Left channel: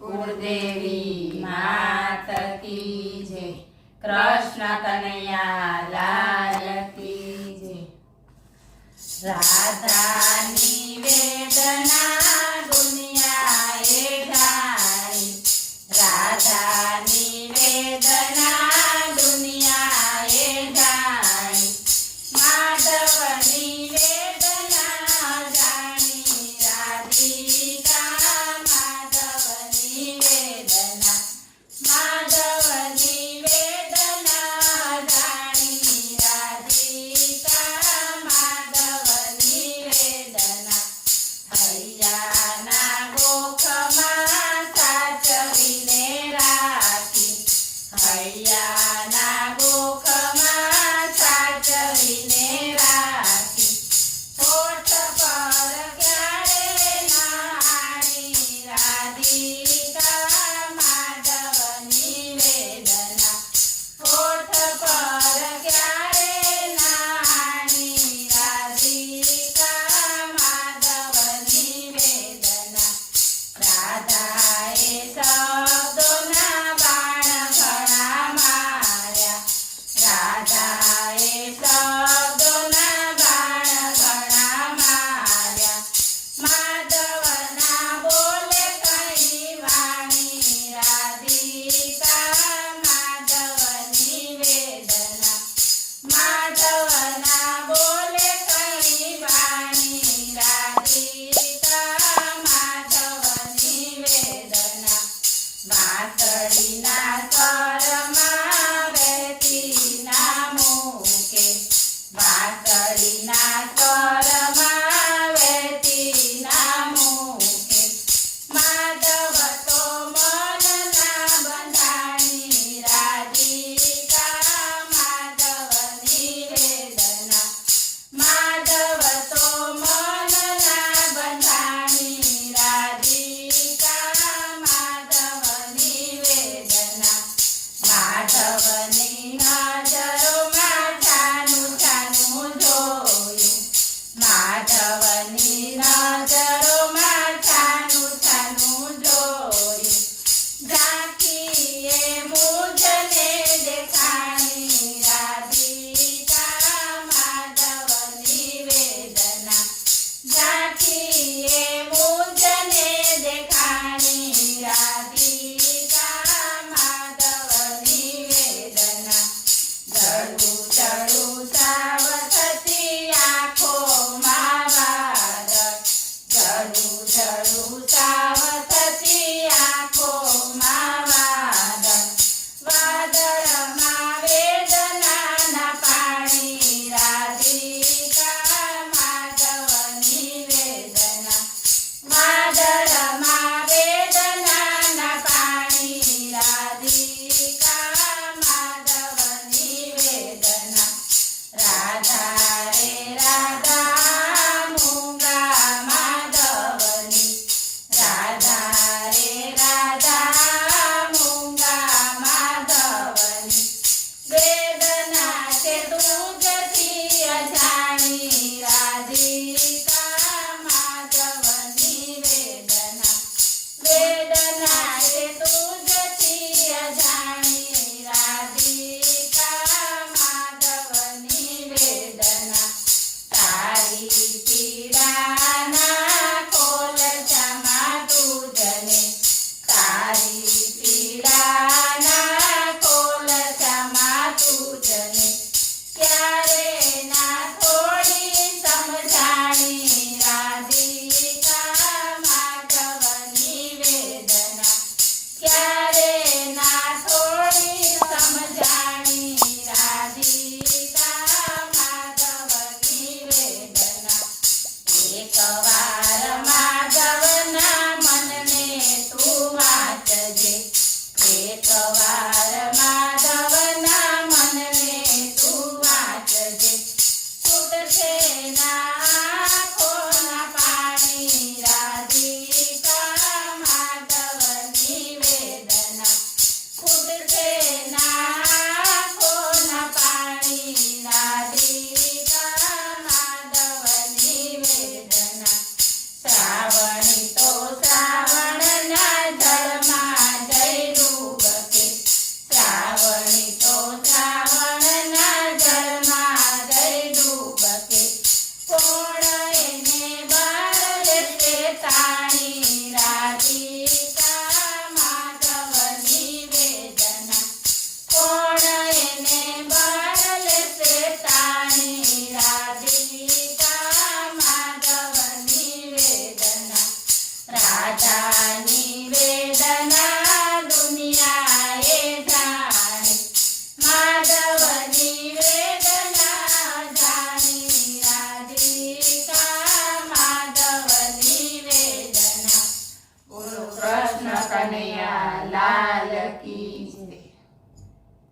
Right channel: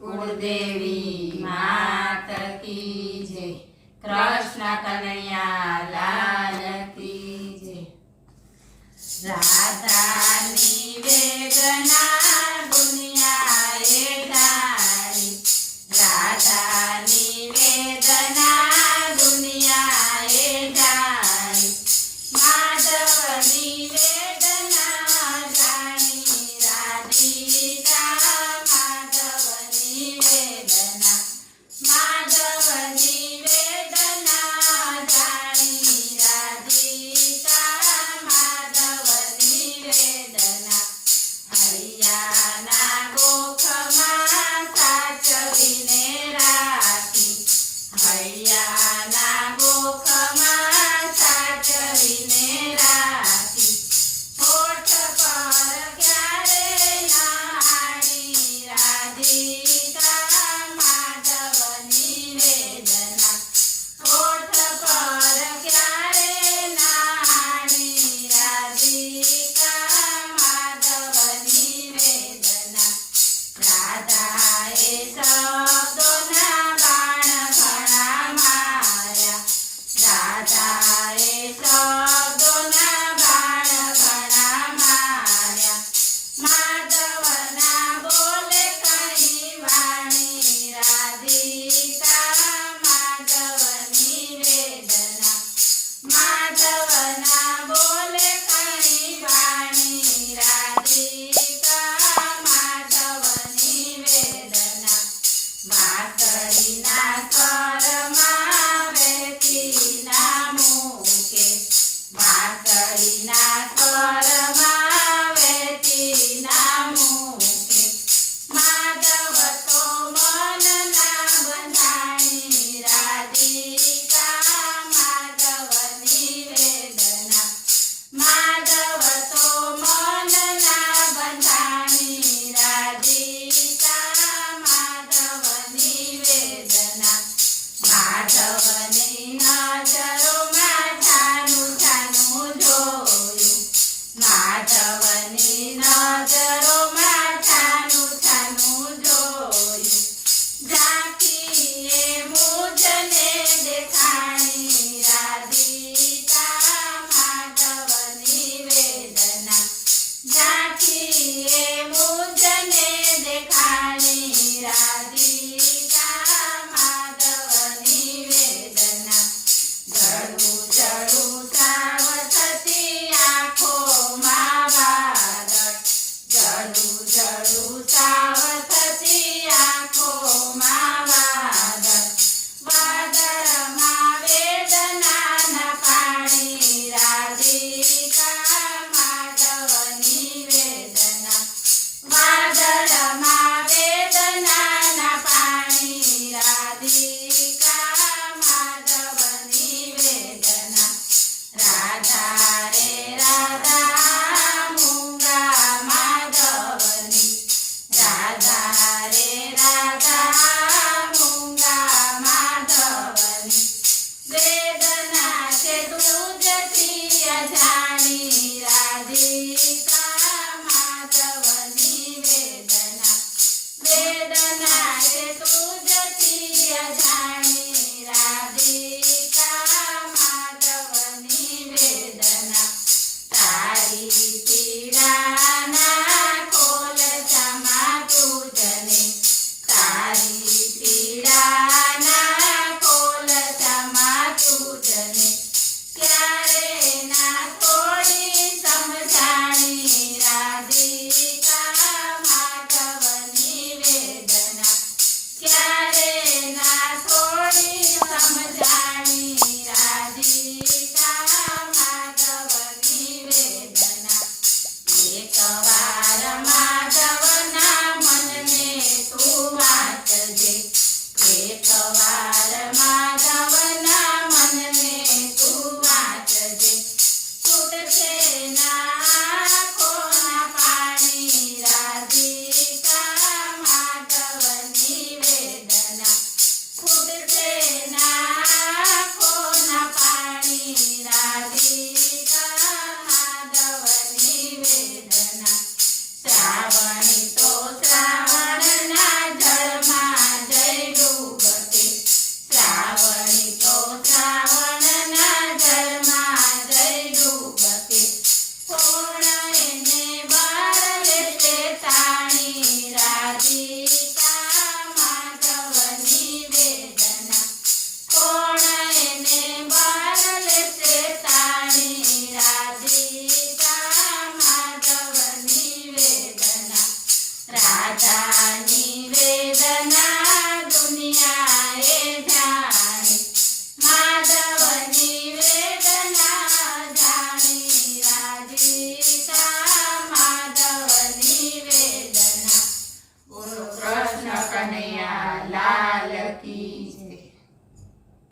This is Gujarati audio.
कुलदेवी मात की जय। कृष्ण कन्हैया लाल की जय। राधानी वेदना दुनियाए जाई, राधानी वेदना दुनियाए जाई, माधवनी वेदना जानी राधिका, माधवनी वेदना, माधवनी वेदना जानी राधिका, माधवनी वेदना। हरियाना गोखमा साचवीने राखी, हरियाना गोखमा साचवीने राखी, होठ पर क्यारे नानी राधिका, माधवनी वेदना, होठ पर क्यारे नानी राधिका, माधवनी वेदना। राधाए शब्दोना बाण घणा मार्या, राधाए शब्दोना बाण घणा मार्या, माधवना बोले कई वाणी राधिका, माधवनी वेदना, माधवना बोले कई वाणी राधिका, माधवनी वेदना। वासळीना स्वरमा वહેતીના મુકે, વાસળીના સ્વરમાં વહેતીના મુકે, માધવ તો મનના બંધાણી રાધિકા, માધવની વેદના, માધવ તો મનના બંધાણી રાધિકા, માધવની વેદના। માધવની નજરોમાં છાનું છાનું જોયું, માધવની નજરોમાં છાનું છાનું જોયું, ઝાંખીએ મુજને દેખાણી રાધિકા, માધવની વેદના, ઝાંખીએ મુજને દેખાણી રાધિકા, માધવની વેદના। જડું જડું સાવ થતી આંખોમાં વાદળ, જડું જડું સાવ થતી આંખોમાં વાદળ, વાદળમાં વેદનાના પાણી રાધિકા, માધવની વેદના, વાદળમાં વેદનાના પાણી રાધિકા, માધવની વેદના। રાધા રે રાધા મૂંગા માધવની, રાધા રે રાધા મૂંગા માધવની, વેદના છે તુજથી અજાણી રાધિકા,